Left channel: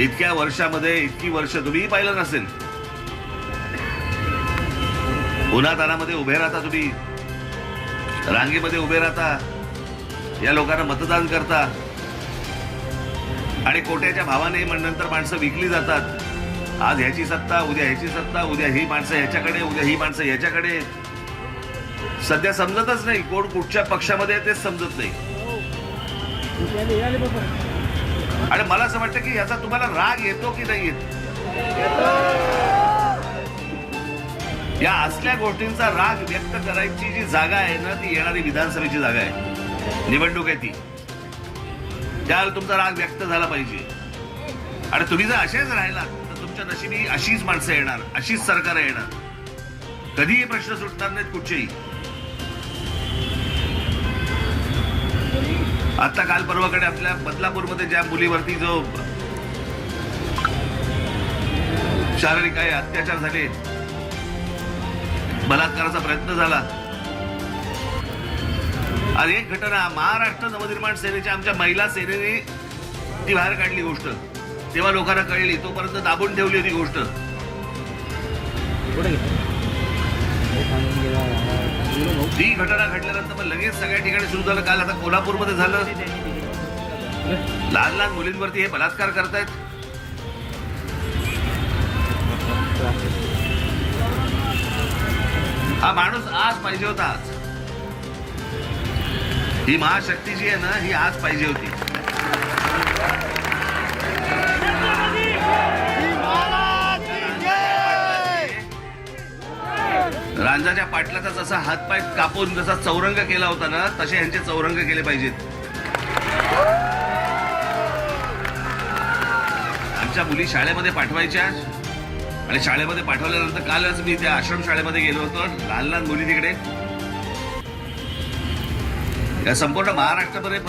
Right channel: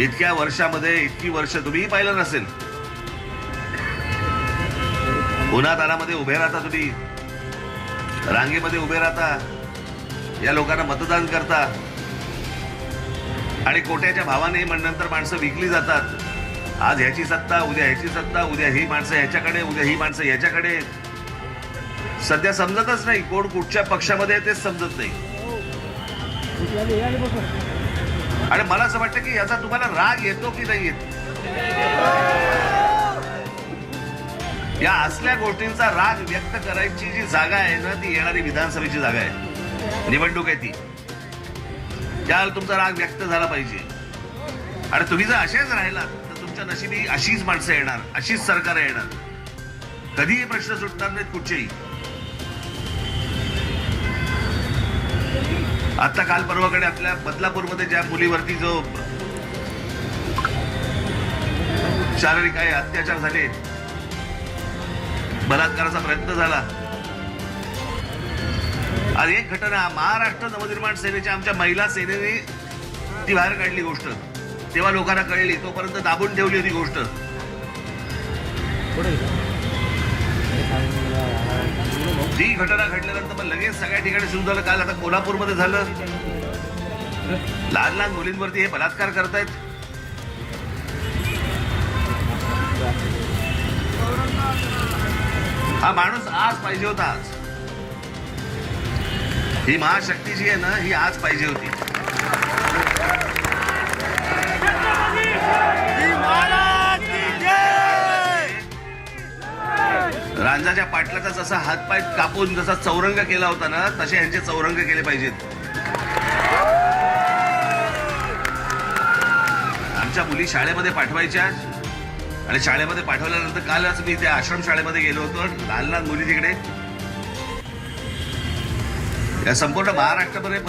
इतक्या वर्षामध्ये इतकी वर्ष तुम्हीही पाहिलं नसेल. उन्हातानामध्ये उभे राहता तुम्ही. रांगेमध्ये उभे राहता. या लोकांना मतदान करता. आणि कोट्याच्या भावाने मग नंतर माणसं विकली जातात. आज ह्याची सत्ता उद्या ह्याची सत्ता उद्या ही माणसं ह्याच्याकडे उद्या ही माणसं ह्याच्याकडे. सध्या समजतच नाही कोण कुठच्या पक्षामध्ये तेच समजत नाही. आणि मला असं वाटतं की याचा तुम्हाला राग येतो की नाही येत? या असल्या गोष्टींचा राग व्यक्त करायची जी जागा आहे ना ती येणारी विधानसभेची जागा आहे. निवडणूक आहे ती. त्यावर तुमचा राग व्यक्त झाला पाहिजे. आणि तुम्ही जर असेच राहिला तर तुमच्या नशिबी अशीच माणसं येणार अशीच सरकार येणार. कधीही प्रश्न सुटणार नाहीत कुठचेही. आता काल परवाकडे आपल्या बदलापूरमध्ये ज्या मुलीवरती जो शारीरिक काही अत्याचार झाले बलात्काराचा प्रयत्न झाला. आज एक घटना महाराष्ट्र नवनिर्माण सेवेच्या आमच्या महिला सेनेने ती बाहेर काढली गोष्ट. तेव्हा लोकांना कळली तोपर्यंत दाबून ठेवली होती गोष्ट. ती घटना घडल्यानंतर मग लगेच सगळ्या ठिकाणी सुरू झालं. काल आता कोल्हापूरमध्ये झालं. लहान लहान मुलींवरती हे बलात्कार करतायत. हा माणूस आज पाहिजे होता आज. ही महाशक्ती जी आहे ना ही आज पाहिजे होती. रांजाच्या पाटल्याचा जसा हातपाय कापून जसा चौरंग केला होता ना तसे यांचे चौरंग केले पाहिजेत. आमच्या मुली शाळेमध्ये पाठवायच्या. आणि शाळेमध्ये पाठवल्यानंतर कालच मी त्या आश्रम शाळेमध्ये गेलो होतो लहान लहान मुली तिकडे. या संपूर्ण महाराष्ट्रामध्ये